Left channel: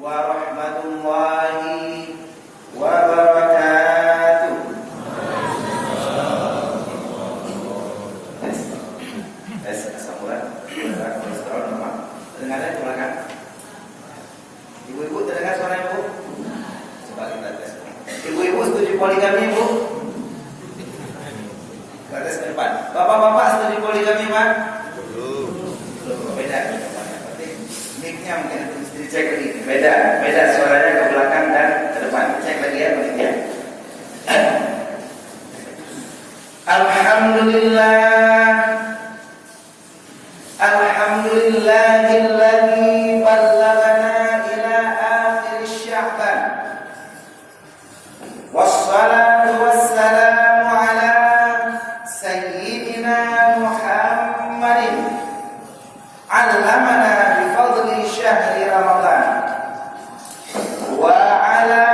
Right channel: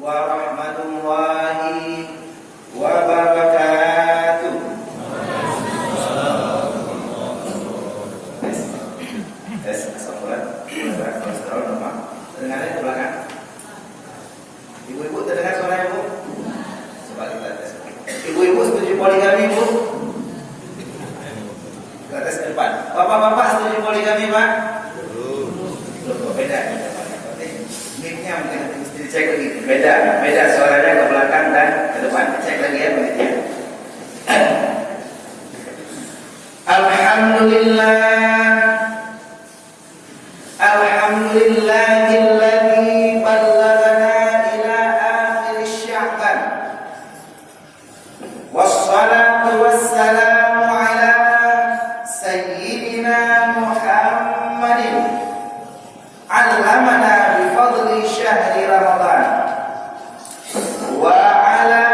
warahmatullahi wabarakatuh. Terdengar ke belakang? Ibu-ibu terdengar suara ibu? Coba kita tes. Ibu-ibu setuju poligami, Bu? Kita tes ke depan. Bapak-bapak setuju poligami, Pak? Beda. Berarti mic-nya mungkin mesti dicek lagi. Beda suaranya ke belakang dan ke depan. Cek lagi ya, begitu ya. Alhamdulillahilladzi ballaghana ila akhir Sya'ban. Wassalatu wassalamu ala sayyidina Muhammadin. Allamana bifadli syahri Ramadan wa ala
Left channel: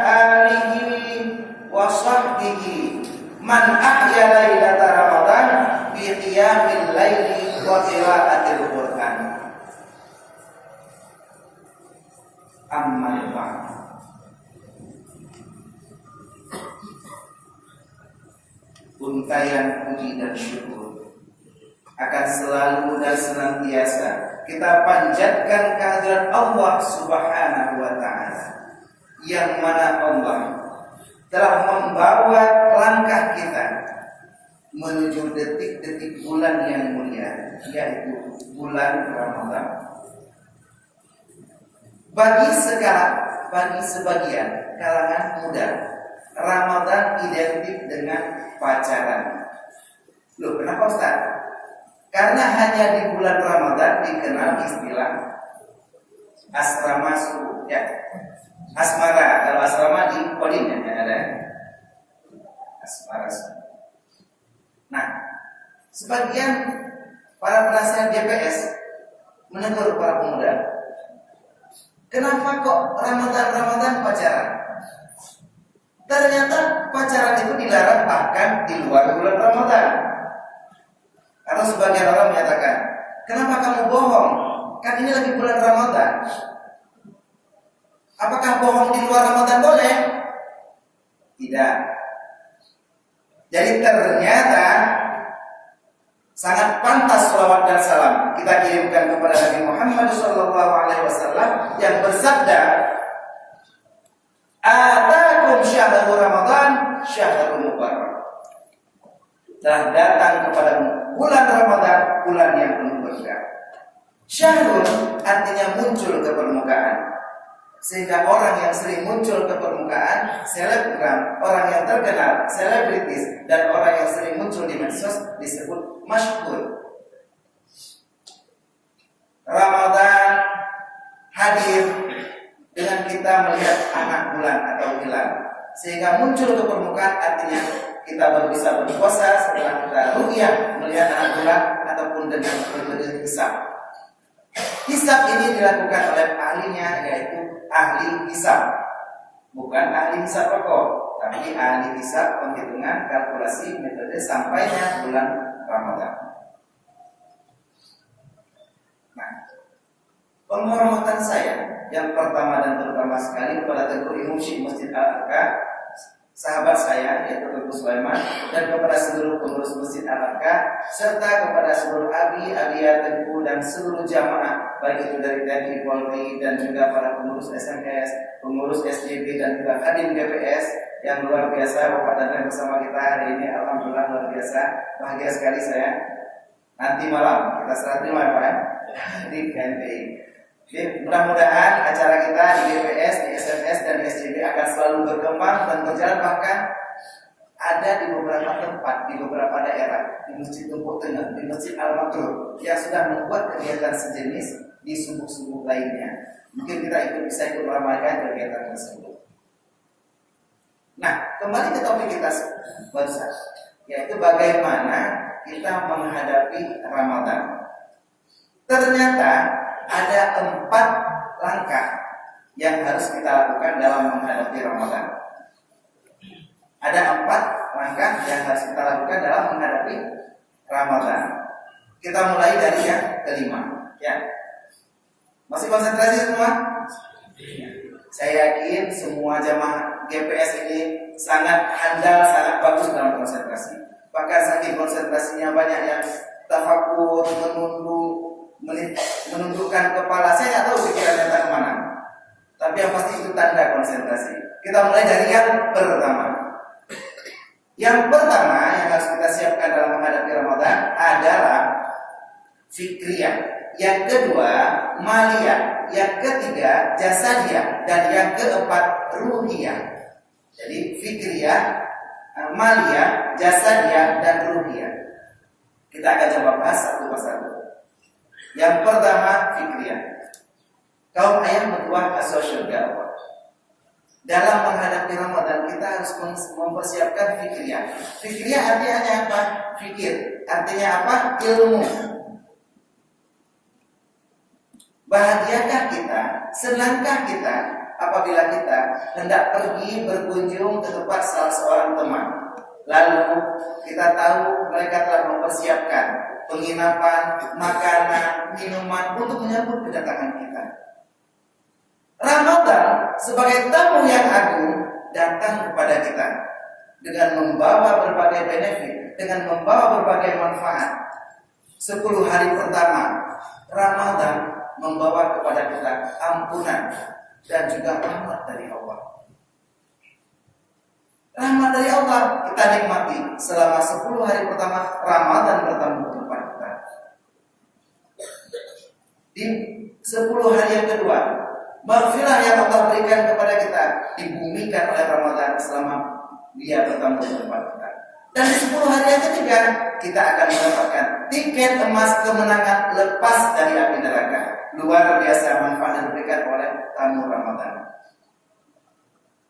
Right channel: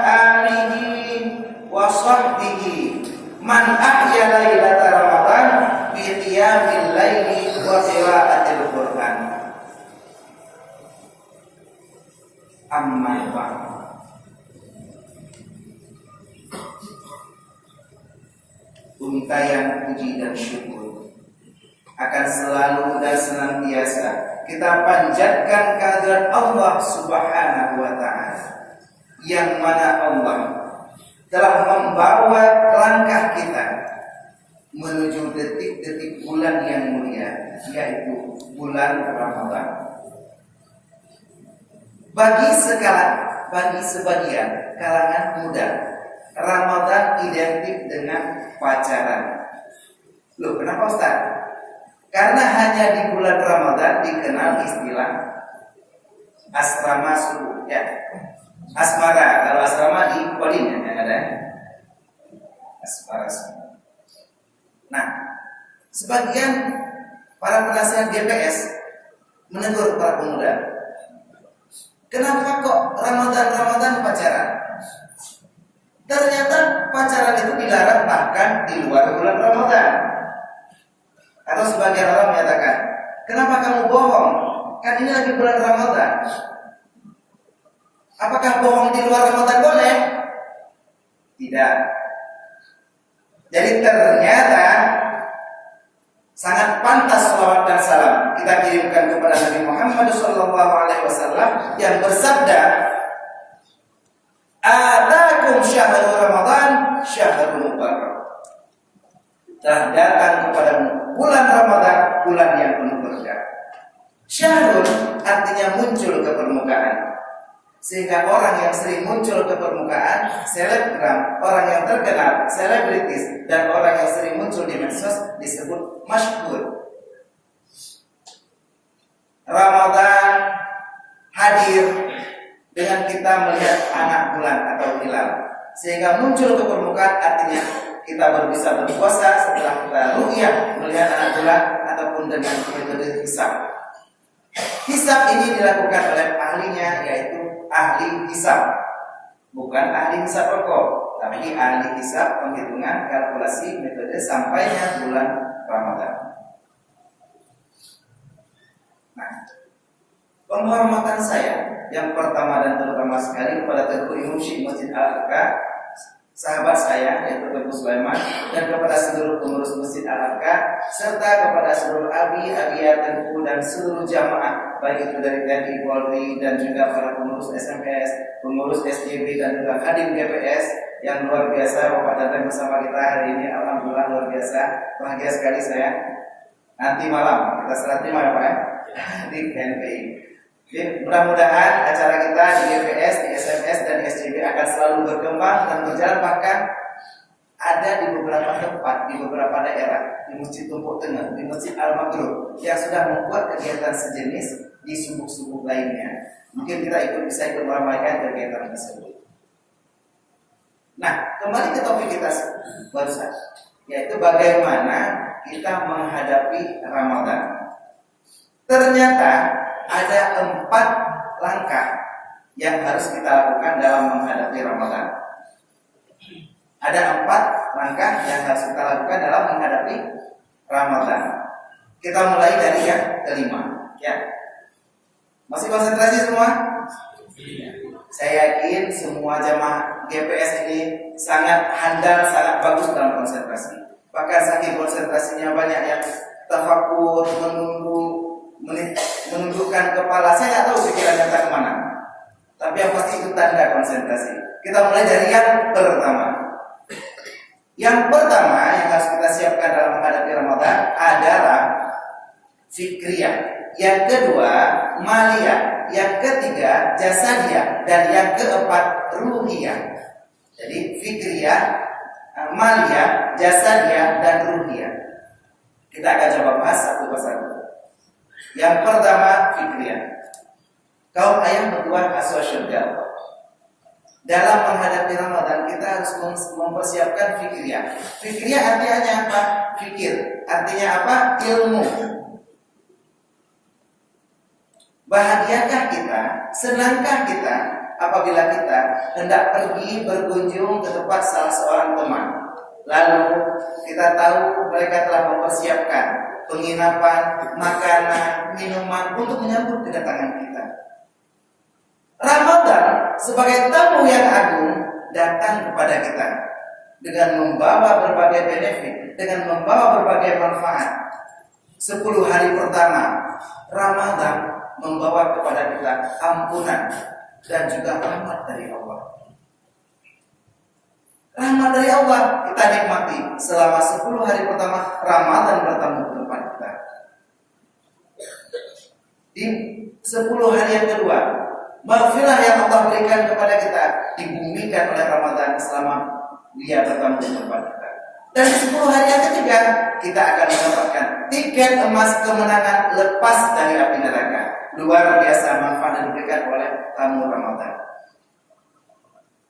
alihi wa sahbihi man ahya lailata Ramadan bi qiyamil laili wa qiraatil Qur'an. Amma ba'd. Untayan puji dan syukur akan selalu dan senantiasa kita panjatkan kehadirat Allah Subhanahu wa ta'ala, yang mana Allah telah membawa langkah kita menuju detik-detik bulan yang mulia, yaitu bulan Ramadan. Bagi sebagian kalangan muda, Ramadan identik dengan pacaran. Loh, kenapa Ustaz? Karena hanya di bulan Ramadan dikenal istilah asrama subuh, ya. Asmara, kalau asrama di Kodim yang ada asmara subuh. Nah, sebagian para penasihat GPS menegur para pemuda, kenapa kok Ramadan pacaran? Ternyata pacaran itu dilarang bahkan di luar bulan Ramadan. Atau sebagian orang menyatakan, kenapa kamu bohong? Kan ini lagi bulan Ramadan. Apakah bohong di luar Ramadan boleh? Tidak. Jadi ternyata sangat pantas salawat dan salam kita kirimkan kepada Nabi Muhammad SAW yang bersabda, "Atakum syahrul Ramadan syahrul mubarak." Telah datang kepadamu bulan Ramadan, bulan yang penuh berkah. Syahrul artinya muncul ke permukaan. Sehingga orang yang sering muncul ke permukaan, selebgram, orang yang terkenal, selebritis, dan orang yang sering muncul di medsos disebut masyhur. Ramadan hadir dengan kita melihat anak bulan atau hilal, sehingga muncul ke permukaan artinya kita bisa berpuasa setelah kita ru'yah melihat anak bulan ataupun dengan metode hisab. Hisab ini dilakukan oleh ahlinya, yaitu ahli hisab, bukan ahli hisab rokok, tapi ahli hisab penghitungan kalkulasi metode sampainya bulan Ramadan. Nah, penghormatan saya yang pertama dan terutama sekali kepada Teguh Imam Syekh Masjid Al-Arqa, sahabat saya yaitu Teguh Sulaiman, dan kepada seluruh pengurus Masjid Al-Arqa, serta kepada seluruh abiyat Teguh dan seluruh jamaah, baik itu dari TNI, Polri, dan juga para pengurus SMS, pengurus SJB, dan juga Hadim GPS yang luar biasa Bapak datang bersama kita hari ini. Alhamdulillah luar biasa, bahagia sekali saya. Nanti malam kita serah terima ya Pak di KNPI. Jadi mudah-mudahan acara kita di GPS, di SMS, dan di SCB akan selalu berkembang dan berjalan, bahkan ada di beberapa tempat, di beberapa daerah, di Masjid Tumpuk Tengah, di Masjid Al-Magrur yang sudah membuat kegiatan sejenis di subuh-subuh lainnya. Mungkin kita bisa ikut meramaikan kegiatan tersebut. Nah, kembali ke topik kita barusan, yaitu bagaimana kita menghadapi Ramadan. Ternyata ada 4 langkah yang harus kita lakukan dalam menghadapi Ramadan. Ada 4 langkah yang harus kita lakukan dalam menghadapi Ramadan. Kita mulai dari yang kelima, ya. Masih konsentrasi semua? Saya yakin semua jamaah GPS ini sangat handal, sangat bagus dalam konsentrasi. Bahkan saking konsentrasinya banyak yang tafakur, menundukkan kepala. Saya nggak tahu pikirannya tak kemana. Tapi yang pasti itu tanda konsentrasi. Kita mulai dari yang pertama. Yang pertama yang harus kita siapkan dalam menghadapi Ramadan adalah fikriyah. Yang kedua, maliyah. Yang ketiga, jasadiyah. Dan yang keempat, ruhiyah. Jadi fikriyah, maliyah, jasadiyah, dan ruhiyah. Kita akan coba bahas satu persatu. Yang pertama, fikriyah. Kaum ayah berbuat asal syurga Allah. Dalam menghadapi Ramadan kita harus mempersiapkan fikriyah. Fikriyah artinya apa? Fikir. Artinya apa? Ilmu. Bahagiakah kita, senangkah kita apabila kita hendak pergi berkunjung ke tempat salah seorang teman. Lalu kita tahu mereka telah mempersiapkan penginapan, makanan, minuman untuk menyambut kedatangan kita. Ramadan sebagai tamu yang agung datang kepada kita dengan membawa berbagai benefit, dengan membawa berbagai manfaat. 10 hari pertama Ramadan membawa kepada kita ampunan dan juga rahmat dari Allah. Rahmat dari Allah kita nikmati selama 10 hari pertama Ramadan bertemu di depan kita. Di 10 hari yang kedua, maghfirah yang Allah berikan kepada kita dibumikan oleh Ramadan selama dia bertemu di depan kita. Dan di 10 hari yang ketiga kita akan mendapatkan tiket emas kemenangan lepas dari api neraka. Luar biasa manfaat yang diberikan oleh tamu Ramadan.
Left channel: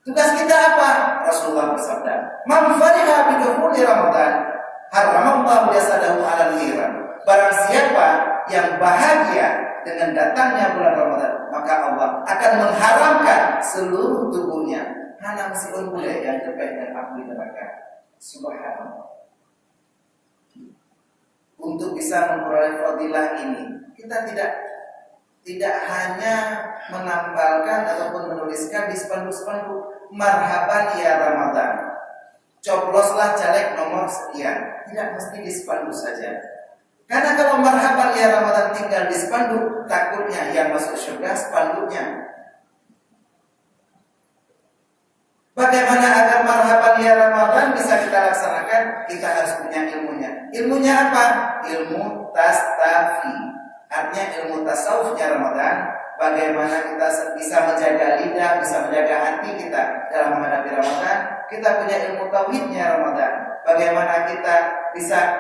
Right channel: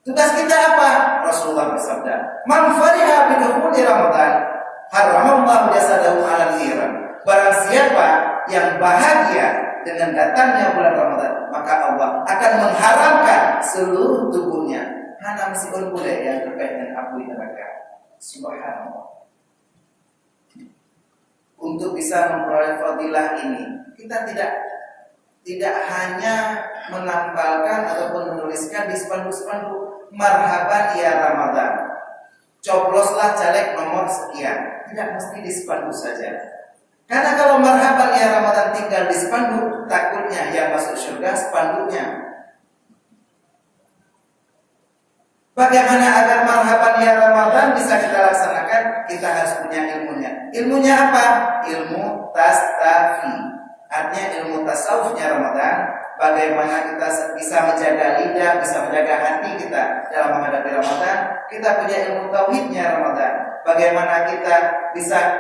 Tugas kita apa? Rasulullah bersabda, "Man fariha bi dukhuli Ramadan, haramallahu jasadahu 'alal niran." Barang siapa yang bahagia dengan datangnya bulan Ramadan, maka Allah akan mengharamkan seluruh tubuhnya hana mesiun boleh yang terkait dengan api neraka. Subhanallah. Untuk bisa memperoleh fadilah ini, kita tidak hanya menambahkan ataupun menuliskan di spanduk-spanduk marhaban ya Ramadan, coploslah caleg nomor sekian. Tidak mesti di spanduk saja. Karena kalau marhaban ya Ramadan tinggal di spanduk, takutnya yang masuk surga spanduknya. Bagaimana agar marhaban ya Ramadan bisa kita laksanakan? Kita harus punya ilmunya. Ilmunya apa? Ilmu tastafi. Artinya ilmu tasawufnya Ramadan. Bagaimana kita bisa menjaga lidah, bisa menjaga hati kita dalam menghadapi Ramadan. Kita punya ilmu tauhidnya Ramadan. Bagaimana kita bisa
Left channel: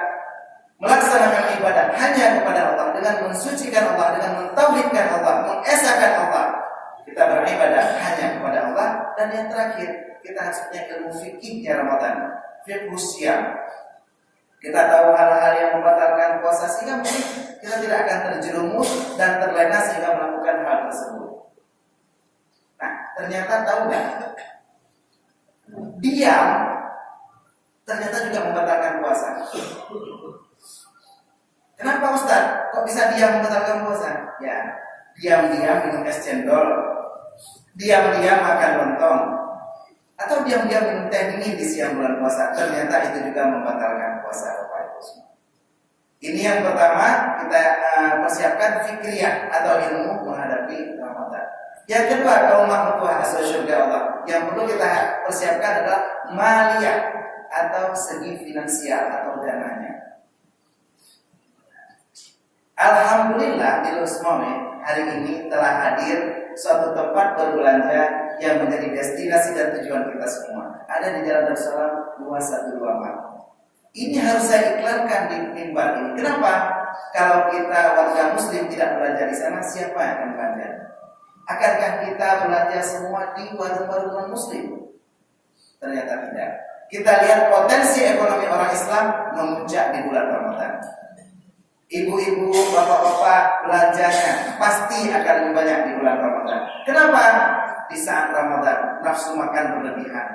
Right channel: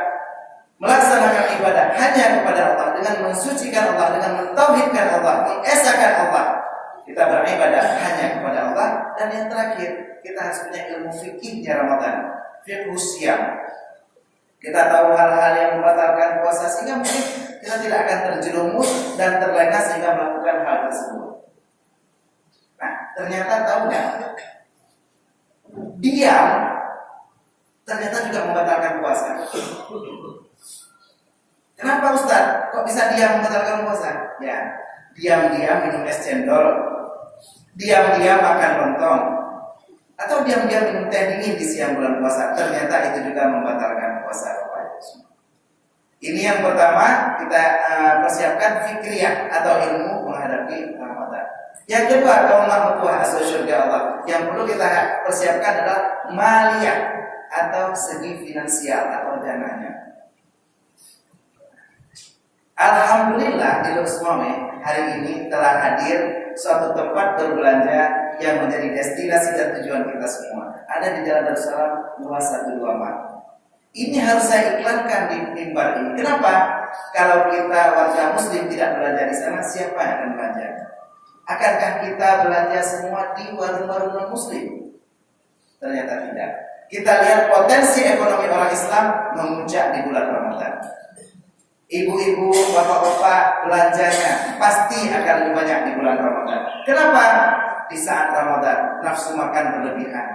melaksanakan ibadah hanya kepada Allah, dengan mensucikan Allah, dengan mentauhidkan Allah, mengesahkan Allah. Kita beribadah hanya kepada Allah. Dan yang terakhir, kita harus punya ilmu fikihnya Ramadan, fiqh siyam. Kita tahu hal-hal yang membatalkan puasa sehingga mungkin kita tidak akan terjerumus dan terlena sehingga melakukan hal tersebut. Nah, ternyata tahu nggak? Diam ternyata juga membatalkan puasa. Kenapa Ustaz? Kok bisa diam membatalkan puasa? Ya, diam-diam minum es cendol, diam-diam makan lontong, atau diam-diam minum teh dingin di siang bulan puasa. Ternyata itu juga membatalkan puasa. Ini yang pertama, kita persiapkan fikriyah atau ilmu menghadapi Ramadan. Yang kedua, kaum mertua asal syurga Allah, yang perlu kita persiapkan adalah maliyah atau segi finansial atau dananya. Alhamdulillah di Luxmome hari ini telah hadir suatu tempat berbelanja yang menjadi destinasi dan tujuan kita semua. Ada di Jalan Darussalam 212 Malang. Ini harus saya iklankan di mimbar ini. Kenapa? Kalau kita warga muslim tidak belanja di sana, siapa yang akan belanja? Akankah kita belanja semua di warung-warung non-muslim? Ternyata tidak. Kita lihat potensi ekonomi orang Islam memuncak di bulan Ramadan. Ibu-ibu, bapak-bapak belanjanya pasti akan lebih banyak di bulan Ramadan. Kenapa? Di saat Ramadan nafsu makan berlebihan,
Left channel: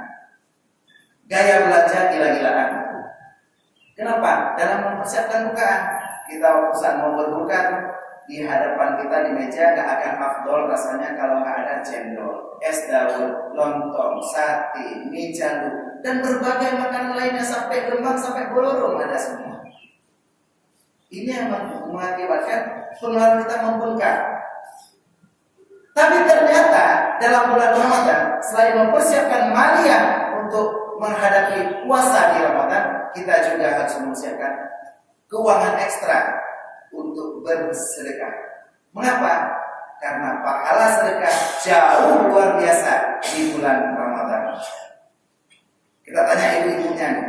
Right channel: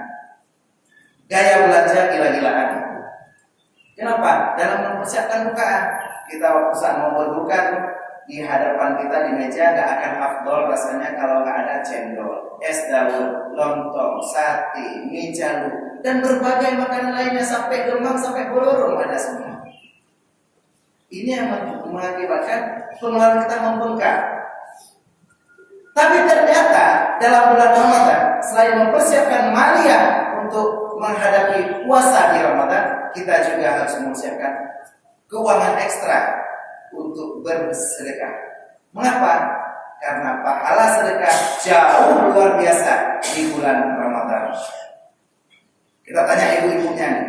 gaya belanja gila-gilaan. Kenapa? Dalam mempersiapkan bukaan, kita saat mau berbuka di hadapan kita di meja nggak akan afdol rasanya kalau nggak ada cendol, es dawet, lontong, sate, mie jalu, dan berbagai makanan lainnya sampai lemang, sampai bolorong ada semua. Ini yang mengakibatkan pengeluaran kita membengkak. Tapi ternyata dalam bulan Ramadan, selain mempersiapkan maliyah untuk menghadapi puasa di Ramadan, kita juga harus mempersiapkan keuangan ekstra untuk bersedekah. Mengapa? Karena pahala sedekah jauh luar biasa di bulan Ramadan. Kita tanya ibu-ibunya nih.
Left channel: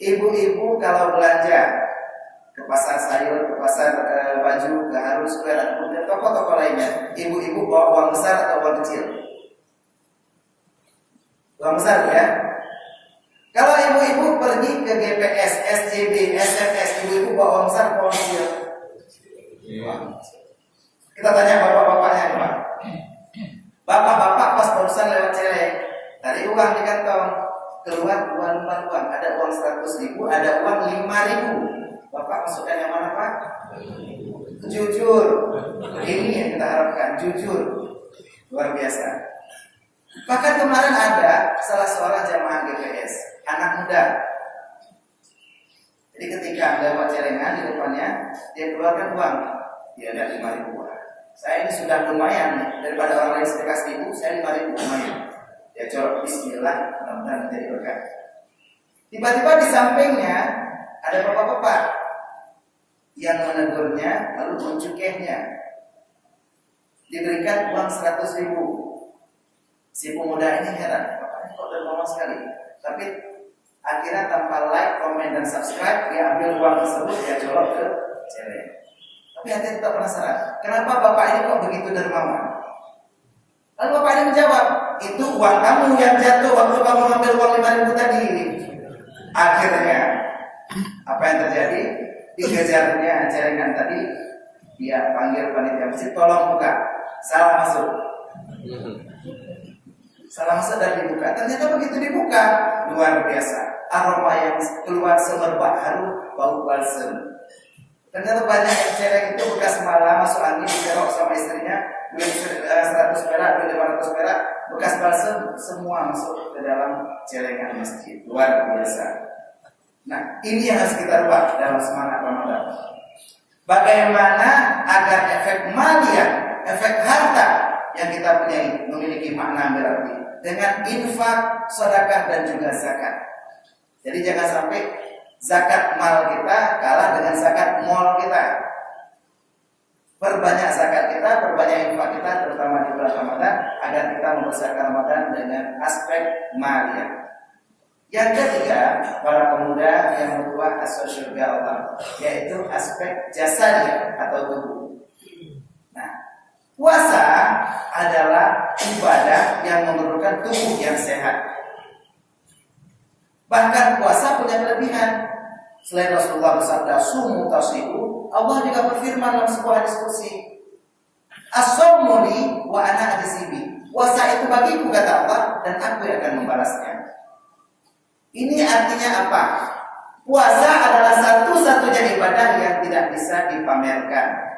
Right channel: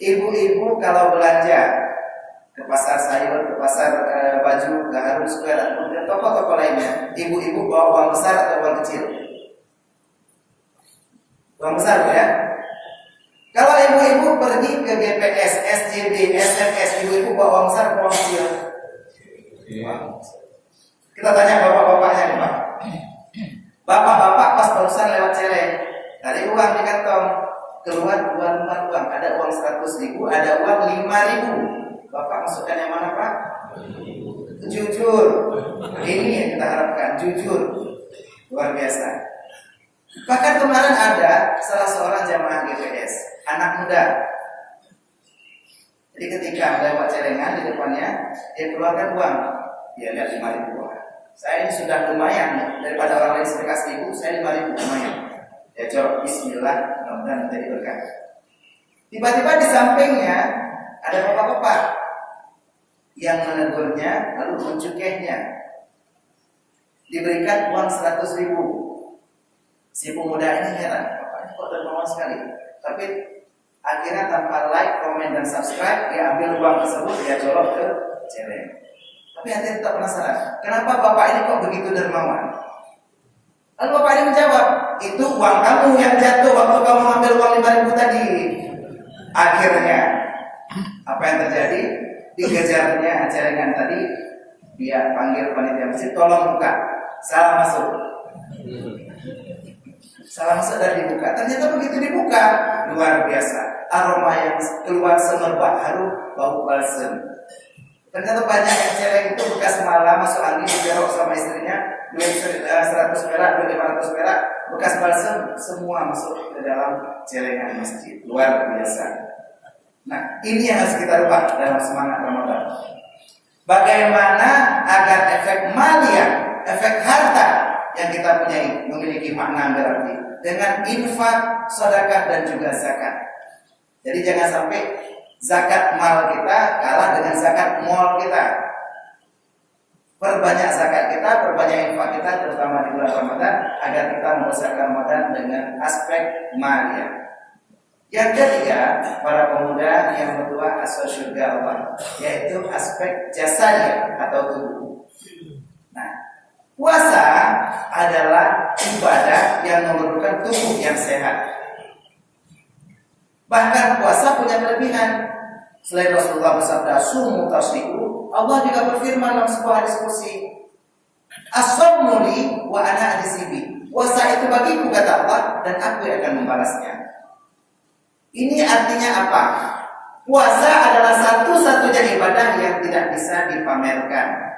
Ibu-ibu kalau belanja ke pasar sayur, ke pasar baju, ke Harun Square, dan toko-toko lainnya, ibu-ibu bawa uang besar atau uang kecil? Uang besar, Bu, ya? Kalau ibu-ibu pergi ke GPS, SCB, SMS, ibu-ibu bawa uang besar atau uang kecil? Kita tanya bapak-bapaknya nih, Pak. Bapak-bapak pas barusan lewat celeng, dari uang di kantong, keluar dua lembar uang, ada uang 100.000, ada uang 5.000. Bapak masukkan yang mana, Pak? Jujur. Ini yang kita harapkan, jujur. Luar biasa. Bahkan kemarin ada salah seorang jamaah GPS, anak muda. Jadi ketika lewat celengan di depannya, dia keluarkan uang. Dia lihat 5.000 uang. Saya ini sudah lumayan, daripada orang lain sedekah 1.000, saya 5.000 lumayan. Dia jawab bismillah, mudah-mudahan menjadi berkah. Tiba-tiba di sampingnya ada bapak-bapak yang menegurnya lalu mencukihnya. Diberikan uang 100.000. Si pemuda ini heran, bapaknya kok dermawan sekali. Tapi akhirnya tanpa like, komen, dan subscribe, dia ambil uang tersebut, dia colok ke celeng. Tapi hati tetap penasaran, kenapa bapak ini kok begitu dermawan? Lalu bapak ini menjawab, itu uang kamu yang jatuh waktu kamu ambil uang 5.000 tadi. Akhirnya apa yang terjadi? Dikejarnya celengan tadi, dia panggil panitia masjid, tolong buka, salah masuk. Salah masuk dan dibuka. Ternyata begitu dibuka, luar biasa. Aroma yang keluar semerbak harum, bau balsem. Ternyata banyak yang celeng itu bekas malam masuk angin, dikerok sama istrinya, duit 100 perak, duit 500 perak, bekas balsem, semua masuk ke dalam celengan masjid. Luar biasa. Nah, ini yang harus kita rubah dalam semangat Ramadan. Bagaimana agar efek maliyah, efek harta yang kita punyai memiliki makna berarti dengan infak, sedekah, dan juga zakat. Jadi jangan sampai zakat mal kita kalah dengan zakat mall kita. Perbanyak zakat kita, perbanyak infak kita, terutama di bulan Ramadan, agar kita membesarkan Ramadan dengan aspek maliyah. Yang ketiga, para pemuda yang berdua asal surga Allah, yaitu aspek jasanya atau tubuh. Nah, puasa adalah ibadah yang memerlukan tubuh yang sehat. Bahkan puasa punya kelebihan. Selain Rasulullah bersabda, "Sumu tasihu", Allah juga berfirman dalam sebuah diskusi, "As-sawmu li wa ana ajzibi". Puasa itu bagiku, kata Allah, dan aku yang akan membalasnya. Ini artinya apa? Puasa adalah satu-satunya ibadah yang tidak bisa dipamerkan.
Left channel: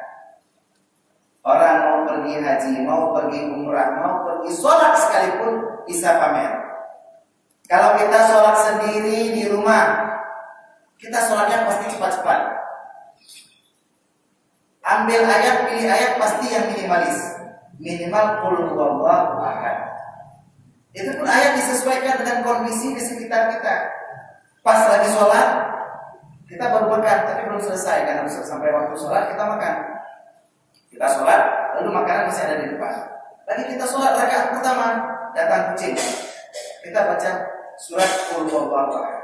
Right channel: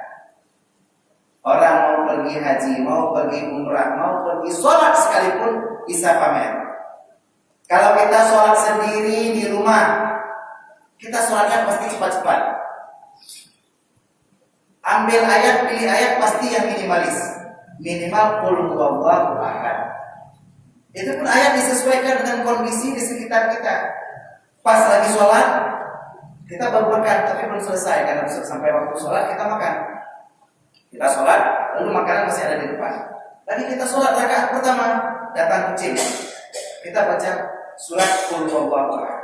Orang mau pergi haji, mau pergi umrah, mau pergi sholat sekalipun bisa pamer. Kalau kita sholat sendiri di rumah, kita sholatnya pasti cepat-cepat. Ambil ayat, pilih ayat pasti yang minimalis. Minimal qul huwallahu ahad. Itu pun ayat disesuaikan dengan kondisi di sekitar kita. Pas lagi sholat, kita baru makan, tapi belum selesai. Karena sampai waktu sholat kita makan. Kita sholat, lalu makanan masih ada di depan. Lagi kita sholat rakaat pertama, datang kucing. Kita baca surat Qul Huwallahu Ahad.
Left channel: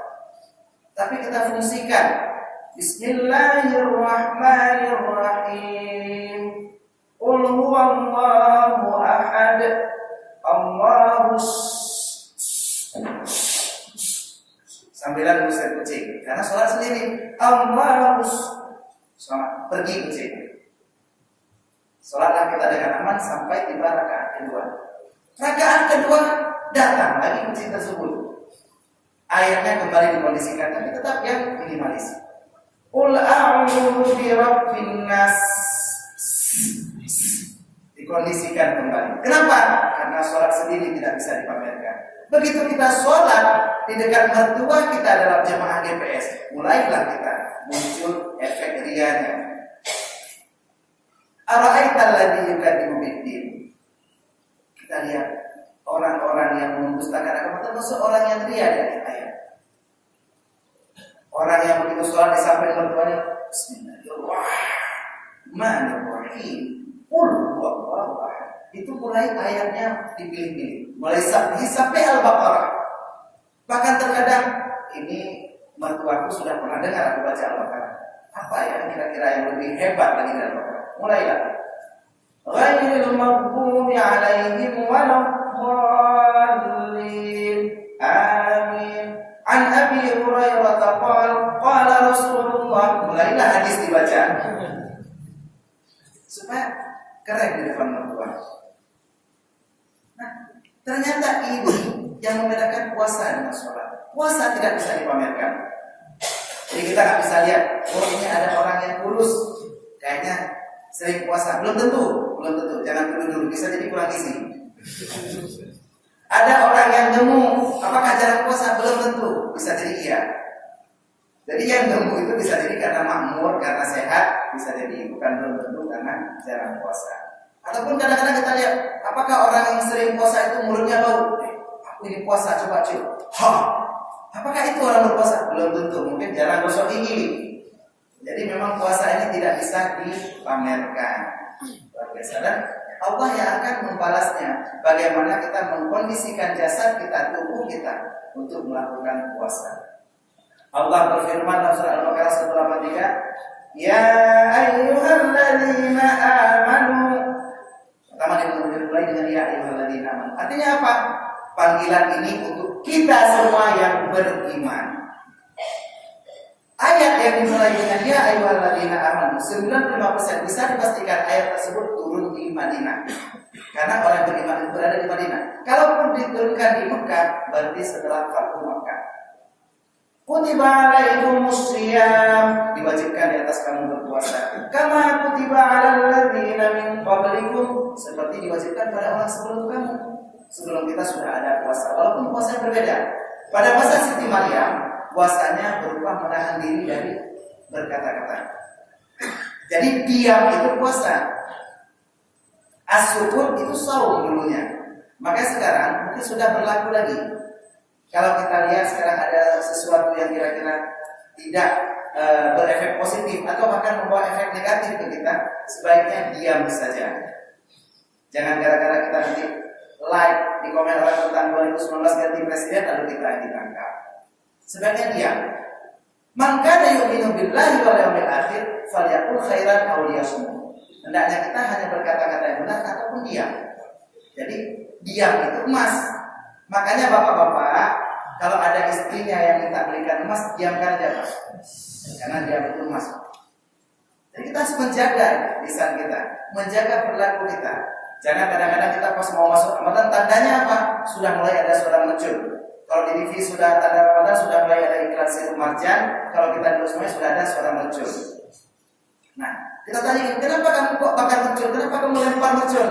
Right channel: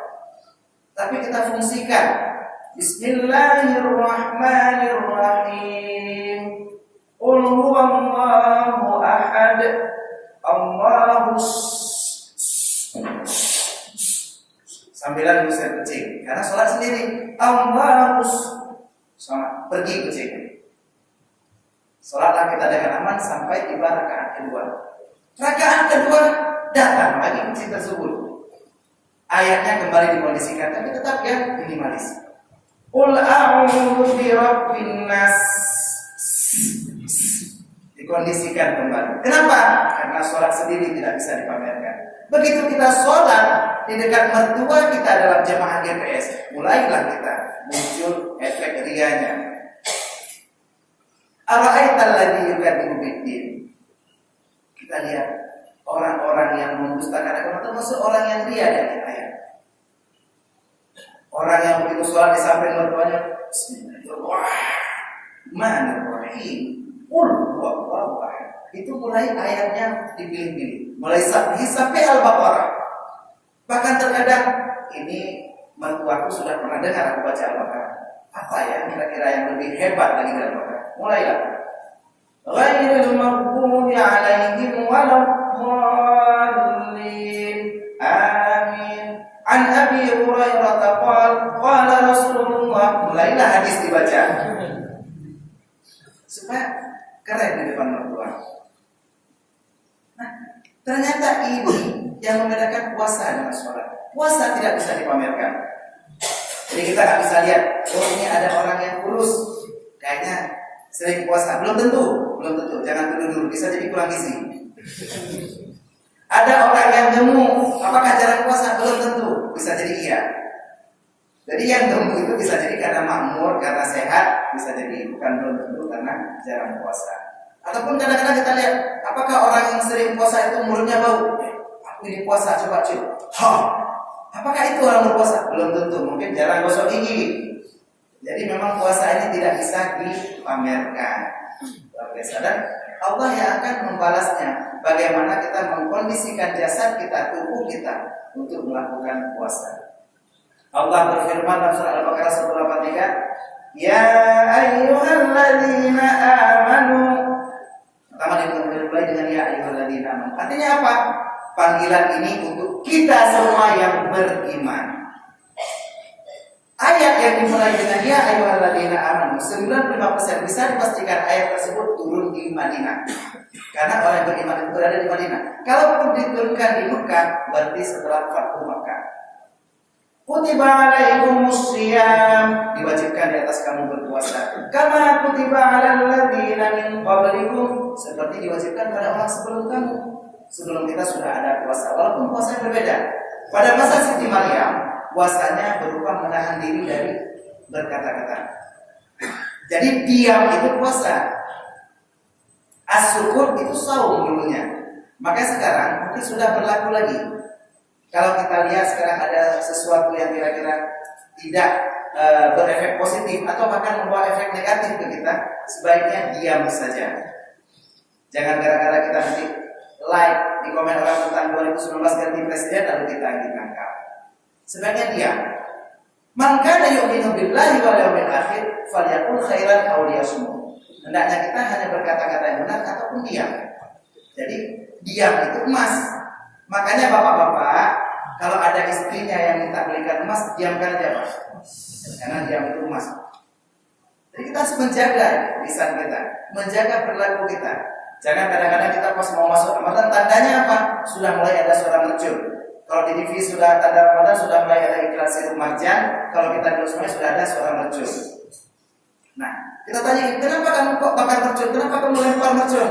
Tapi kita fungsikan Bismillahirrahmanirrahim. Qul huwallahu ahad. Allahus, sambilan ngusir kucing karena sholat sendiri. Allahus, sama pergi kucing. Sholatlah kita dengan aman sampai tiba rakaat kedua. Rakaat kedua datang lagi kucing tersebut. Ayatnya kembali dikondisikan, tapi tetap yang minimalis. Qul a'udzu birabbin nas. dikondisikan kembali. Kenapa? Karena sholat sendiri tidak bisa dipamerkan. Begitu kita sholat di dekat mertua kita dalam jemaah GPS, mulailah kita muncul efek rianya. Ara'aital ladzi yukadzibu biddin. Kita lihat orang-orang yang mendustakan agama, termasuk orang yang ria dari ayat. Orang yang begitu sholat di samping mertuanya, Bismillahirrahmanirrahim. Itu mulai ayatnya dipilih-pilih, mulai sampai Al-Baqarah. Bahkan terkadang ini mertuaku sudah pernah dengar aku baca Al-Baqarah. Apa ya kira-kira yang lebih hebat lagi dari Al-Baqarah? Mulailah. Ghairil maghdubi 'alaihim waladdallin. Amin. An Abi Hurairah qala Rasulullah. Mulailah hadis dibaca. Supaya keren di depan mertua. Nah, ternyata ini yang membedakan puasa dengan sholat. Puasa tidak bisa dipamerkan. Jadi kita nggak bisa lihat, oh ini ada orang yang kurus, kayaknya sering puasa. Belum tentu. Jangan tuduh dulu, bisa jadi kurang gizi. Ada orang yang gemuk, apakah jarang puasa? Belum tentu, bisa jadi iya. Jadi yang gemuk itu bisa jadi karena makmur, karena sehat, bisa jadi bukan belum tentu karena jarang puasa. Ataupun kadang-kadang kita lihat, apakah orang yang sering puasa itu mulutnya bau? Aku ini puasa, coba cium. Apakah itu orang berpuasa? Belum tentu, mungkin jarang gosok gigi. Jadi memang puasa ini tidak bisa dipamerkan. Luar biasa. Dan Allah yang akan membalasnya. Bagaimana kita mengkondisikan jasad kita, tubuh kita untuk melakukan puasa. Allah berfirman dalam surah Al-Baqarah 183, Ya ayyuhalladzina amanu. Pertama dimulai dengan ya ayyuhalladzina amanu. Artinya apa? Panggilan ini untuk kita semua yang beriman. Ayat yang dimulai dengan ya ayyuhalladzina amanu 95% bisa dipastikan ayat tersebut turun di Madinah. Karena orang beriman itu berada di Madinah. Kalaupun diturunkan di Mekah, berarti setelah Fathu Mekah. Kutiba alaikumus shiyam, diwajibkan di atas kamu berpuasa. Kama kutiba alal ladzina min qablikum, seperti diwajibkan pada orang sebelum kamu. Sebelum kita sudah ada puasa, walaupun puasanya berbeda. Pada masa Siti Maryam, puasanya berupa menahan diri dari berkata-kata. Jadi diam itu puasa. As-syukur itu saum dulunya. Maka sekarang mungkin sudah berlaku lagi. Kalau kita lihat sekarang ada sesuatu yang kira-kira tidak berefek positif atau bahkan membawa efek negatif ke kita, sebaiknya diam saja. Jangan gara-gara kita nanti like di komen orang tentang 2019 ganti presiden lalu kita ditangkap. Sebaiknya diam. Man kana yu'minu billahi wal yawmil akhir falyaqul khairan aw liyasmut. Hendaknya kita hanya berkata-kata yang benar ataupun diam. Jadi diam itu emas. Makanya bapak-bapak kalau ada istrinya yang minta belikan emas, diamkan aja Pak. Karena diam itu emas. Jadi kita harus menjaga lisan kita, menjaga perilaku kita. Jangan kadang-kadang kita pas mau masuk Ramadan, tandanya apa? Sudah mulai ada suara mercun. Kalau di TV sudah tanda Ramadan, sudah mulai ada iklan sirup marjan. Kalau kita di semuanya sudah ada suara mercun. Nah, kita tanya, kenapa kamu kok bakar mercun? Kenapa kamu lempar mercun?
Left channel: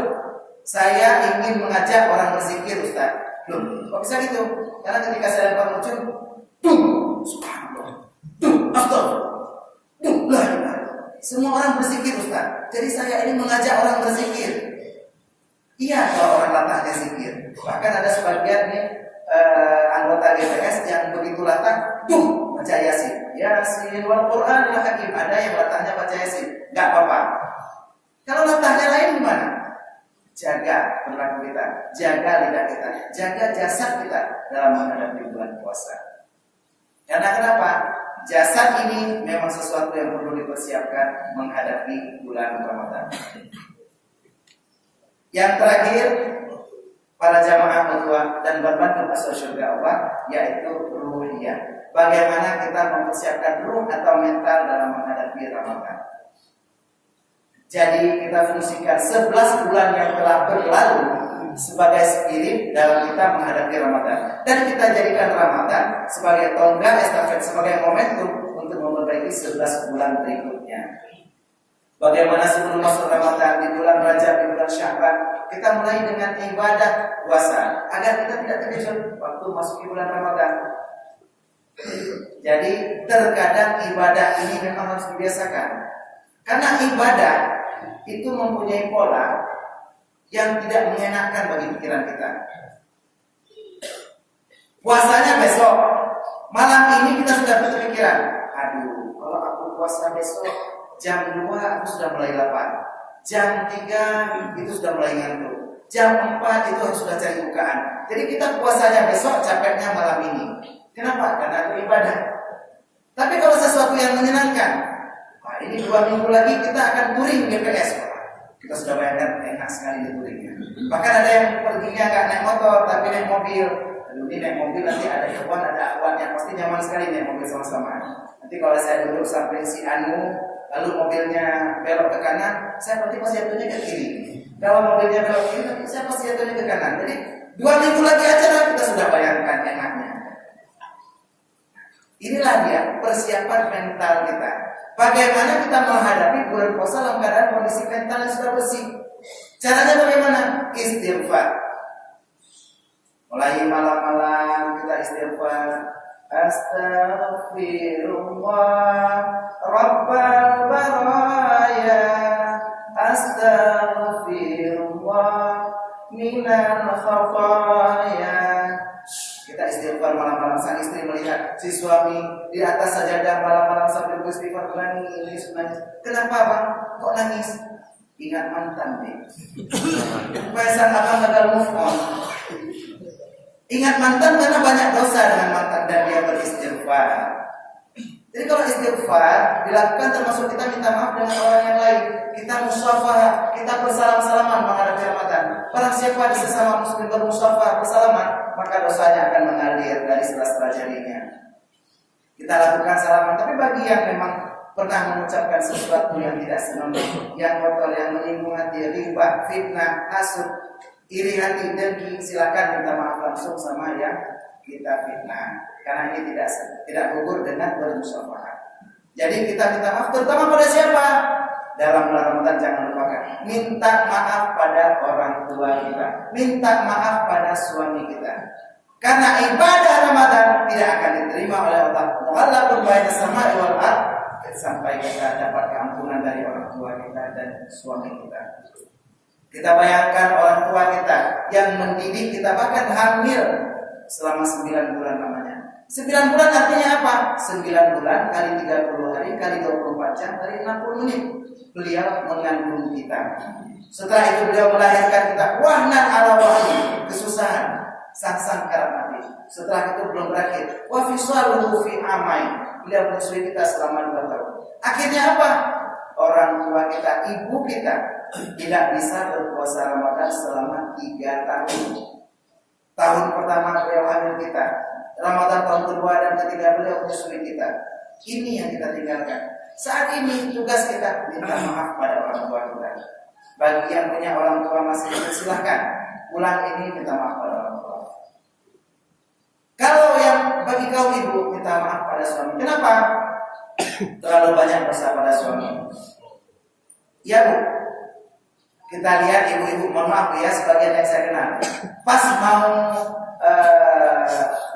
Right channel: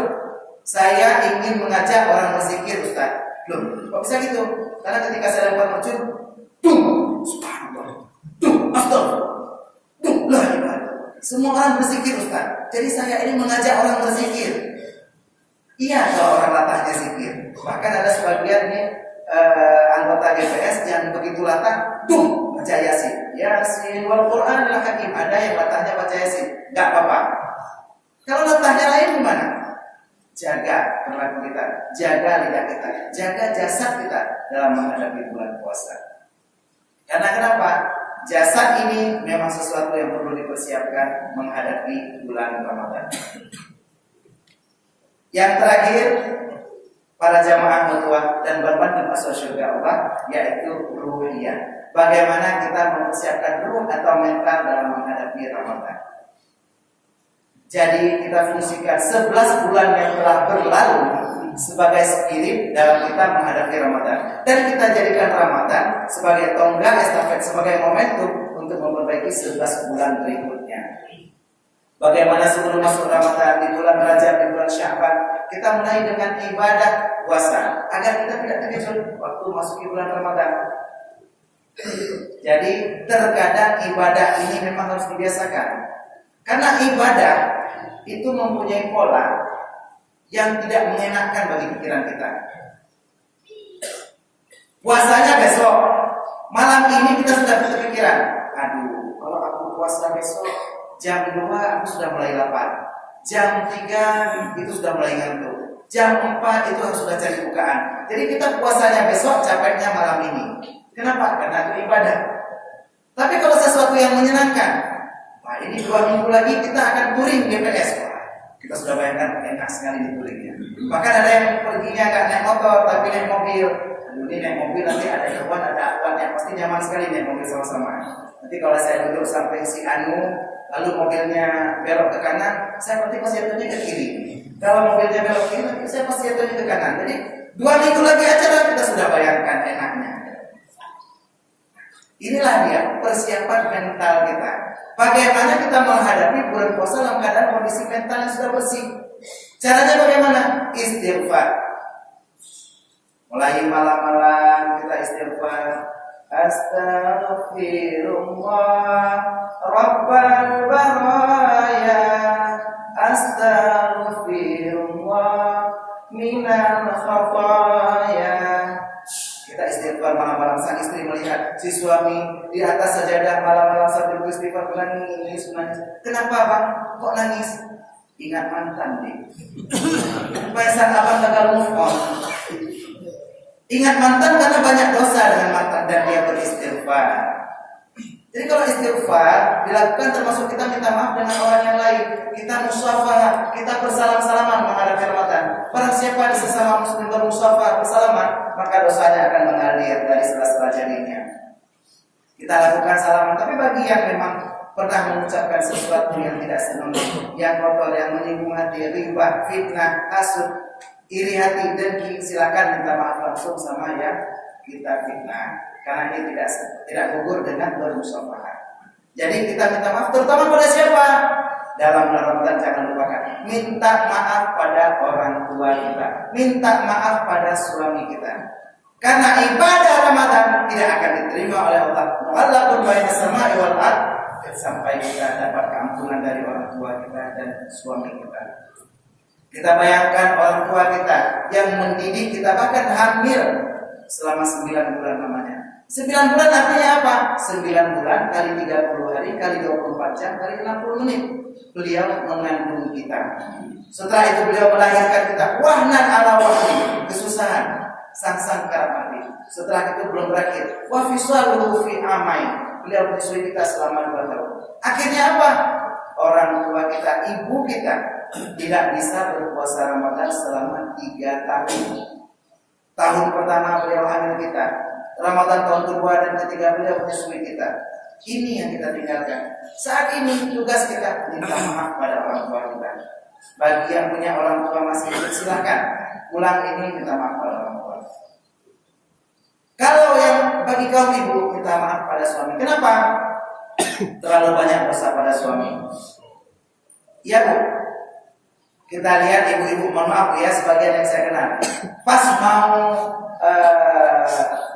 Saya ingin mengajak orang berzikir, Ustaz. Belum, kok bisa gitu? Karena ketika saya lempar mercun, dung, subhanallah, dung, astagfirullah, dung, la ilaha illallah. Semua orang berzikir, Ustaz. Jadi saya ini mengajak orang berzikir. Iya, kalau orang latahnya zikir. Bahkan ada sebagian nih anggota GPS yang begitu latah, dung, baca Yasin. Yasin wal Qur'anil Hakim. Ada yang latahnya baca Yasin. Enggak apa-apa. Kalau latahnya lain gimana? Jaga perilaku kita, jaga lidah kita, jaga jasad kita dalam menghadapi bulan puasa. Karena kenapa? Jasad ini memang sesuatu yang perlu dipersiapkan menghadapi bulan Ramadan. Yang terakhir, para jamaah mutua dan berbanding masuk surga Allah, yaitu ruhiyah. Bagaimana kita mempersiapkan ruh atau mental dalam menghadapi Ramadan. Jadi kita fungsikan 11 bulan yang telah berlalu sebagai spirit dalam kita menghadapi Ramadan. Dan kita jadikan Ramadan sebagai tonggak estafet, sebagai momentum untuk memperbaiki 11 bulan berikutnya. Bagaimana sebelum masuk Ramadan, di bulan Rajab, di bulan Sya'ban, kita mulai dengan ibadah puasa agar kita tidak terkejut waktu masuk bulan Ramadan. Jadi terkadang ibadah ini memang harus dibiasakan. Karena ibadah itu mempunyai pola yang tidak mengenakan bagi pikiran kita. Puasanya besok, malam ini kita sudah berpikiran, aduh, kalau aku puasa besok jam 2 aku sudah mulai lapar, jam 3 itu sudah mulai ngantuk, jam 4 itu harus sudah cari bukaan. Jadi kita puasanya besok, capeknya malam ini. Kenapa? Karena itu ibadah. Tapi kalau sesuatu yang menyenangkan, nah ini 2 minggu lagi kita akan touring GPS. Kita sudah bayangkan enak sekali di touringnya. Bahkan ada yang perginya nggak naik motor tapi naik mobil. Aduh, ini naik mobil nanti ada ikhwan, ada akhwat yang pasti nyaman sekali naik mobil sama-sama. Nanti kalau saya duduk sampai si Anu, lalu mobilnya belok ke kanan, saya pasti jatuhnya ke kiri. Kalau mobilnya belok ke kiri, saya pasti jatuhnya ke kanan. Jadi 2 minggu lagi acara kita sudah bayangkan enaknya. Inilah dia persiapan mental kita. Bagaimana kita menghadapi bulan puasa dalam keadaan kondisi mental yang sudah bersih. Caranya bagaimana? Istighfar. Mulai malam-malam kita istighfar. Astaghfirullah Rabbal baraya, astaghfirullah minal khataya. Kita istighfar malam-malam. Sang istri melihat si suami di atas sajadah malam-malam sambil beristighfar menangis. Kenapa bang? Kok nangis? Ingat mantan deh. Supaya sang abang gagal move on. Ingat mantan karena banyak dosa dengan mantan dan dia beristighfar. Jadi kalau istighfar dilakukan termasuk kita minta maaf dengan orang yang lain, kita musyafah, kita bersalam-salaman menghadapi Ramadan. Barang siapa di sesama muslim bermusyafah, bersalaman, maka dosanya akan mengalir dari sela-sela jarinya. Kita lakukan salaman, tapi bagi yang memang pernah mengucapkan sesuatu yang tidak senonoh, yang kotor, yang menyinggung hati, riba, fitnah, hasud, iri hati, dengki, silakan minta maaf langsung sama yang kita fitnah. Karena ini tidak gugur dengan bermusyafahah. Jadi kita minta maaf terutama pada siapa? Dalam bulan Ramadan jangan lupakan minta maaf pada orang tua kita, minta maaf pada suami kita. Karena ibadah Ramadan tidak akan diterima oleh Allah. Mu'allaqun bainas sama'i wal ardh, sampai kita dapat keampunan dari orang tua kita dan suami kita. Kita bayangkan orang tua kita yang mendidik kita, bahkan hamil selama 9 bulan namanya. 9 bulan artinya apa? 9 bulan kali 30 hari kali 24 jam kali 60 menit. Beliau mengandung kita. Setelah itu beliau melahirkan kita. Wahnan ala wahni, kesusahan, sang karamati. Setelah itu belum berakhir. Wa fisaluhu fi amain. Beliau menyusui kita selama 2 tahun. Akhirnya apa? Orang tua kita, ibu kita tidak bisa berpuasa Ramadan selama 3 tahun. Tahun pertama beliau hamil kita, Ramadan tahun kedua dan ketiga beliau menyusui kita. Ini yang kita tinggalkan. Saat ini tugas kita minta maaf pada orang tua kita. Bagi yang punya orang tua masih hidup, silakan pulang ini minta maaf pada orang tua. Kalau yang bagi kaum ibu minta maaf pada suami. Kenapa? Terlalu banyak dosa pada suami. Ya bu, kita lihat ibu-ibu, mohon maaf ya sebagian yang saya kenal, pas mau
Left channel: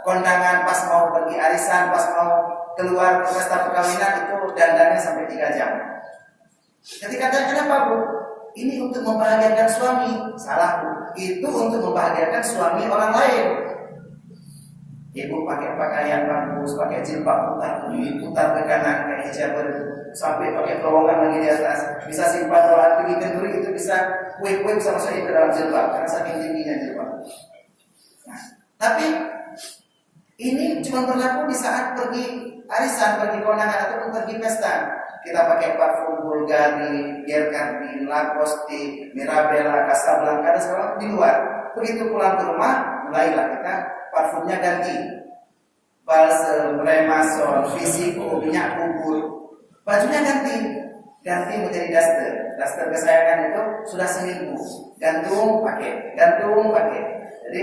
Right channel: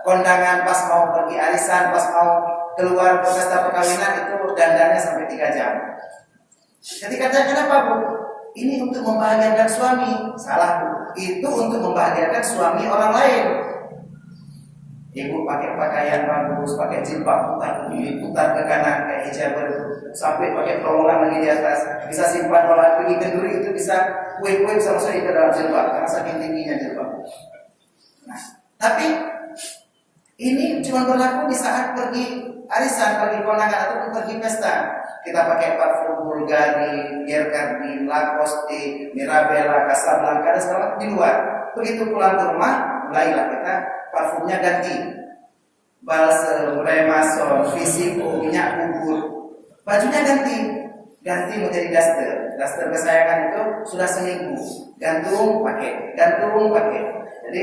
kondangan, pas mau pergi arisan, pas mau keluar ke pesta perkawinan itu dandannya sampai 3 jam. Ketika tanya kenapa bu? Ini untuk membahagiakan suami. Salah bu, itu untuk membahagiakan suami orang lain. Ibu pakai pakaian bagus, pakai jilbab putar ke kanan kayak hijab itu, sampai pakai terowongan lagi di atas, bisa simpan kalau pergi kenduri itu bisa kue-kue bisa masuk ke dalam jilbab karena saking tingginya jilbab. Nah, tapi ini cuma berlaku di saat pergi arisan, pergi kondangan ataupun pergi pesta. Kita pakai parfum Bulgari, Pierre Cardin, Lacoste, Mirabella, Casablanca dan segala di luar. Begitu pulang ke rumah, mulailah kita parfumnya ganti, balsam, remason, Fisico, minyak bubur, bajunya ganti menjadi daster kesayangan itu sudah seminggu, gantung pakai. Jadi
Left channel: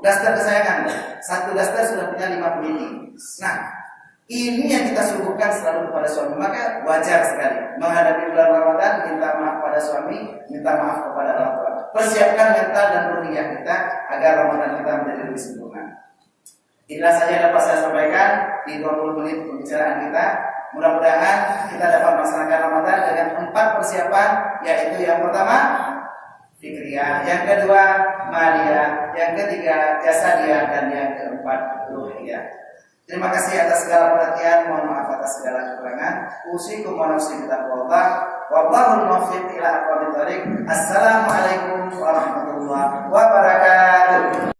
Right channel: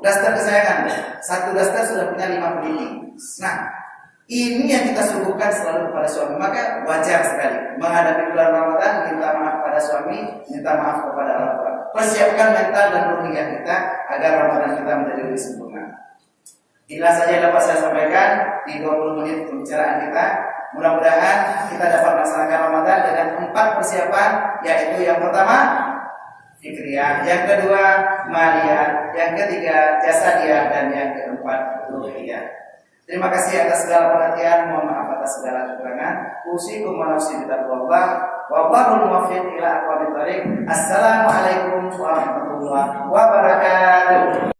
daster kesayangan, satu daster sudah punya 5 pelini. Nah, Ini yang kita suguhkan selalu kepada suami. Maka wajar sekali menghadapi bulan Ramadan, minta maaf pada suami, minta maaf kepada orang tua. Persiapkan mental dan ruhiyah kita agar Ramadan kita menjadi lebih sempurna. Inilah saja yang dapat saya sampaikan di 20 menit pembicaraan kita. Mudah-mudahan kita dapat melaksanakan Ramadan dengan 4 persiapan, yaitu yang pertama fikriyah, yang kedua maliyah, yang ketiga jasadiyah, dan yang keempat ruhiyah. Terima kasih atas segala perhatian, mohon maaf atas segala kekurangan. Usikum wa nafsi bitaqwallah, wallahul muwaffiq ila aqwamit thoriq. Assalamualaikum warahmatullahi wabarakatuh.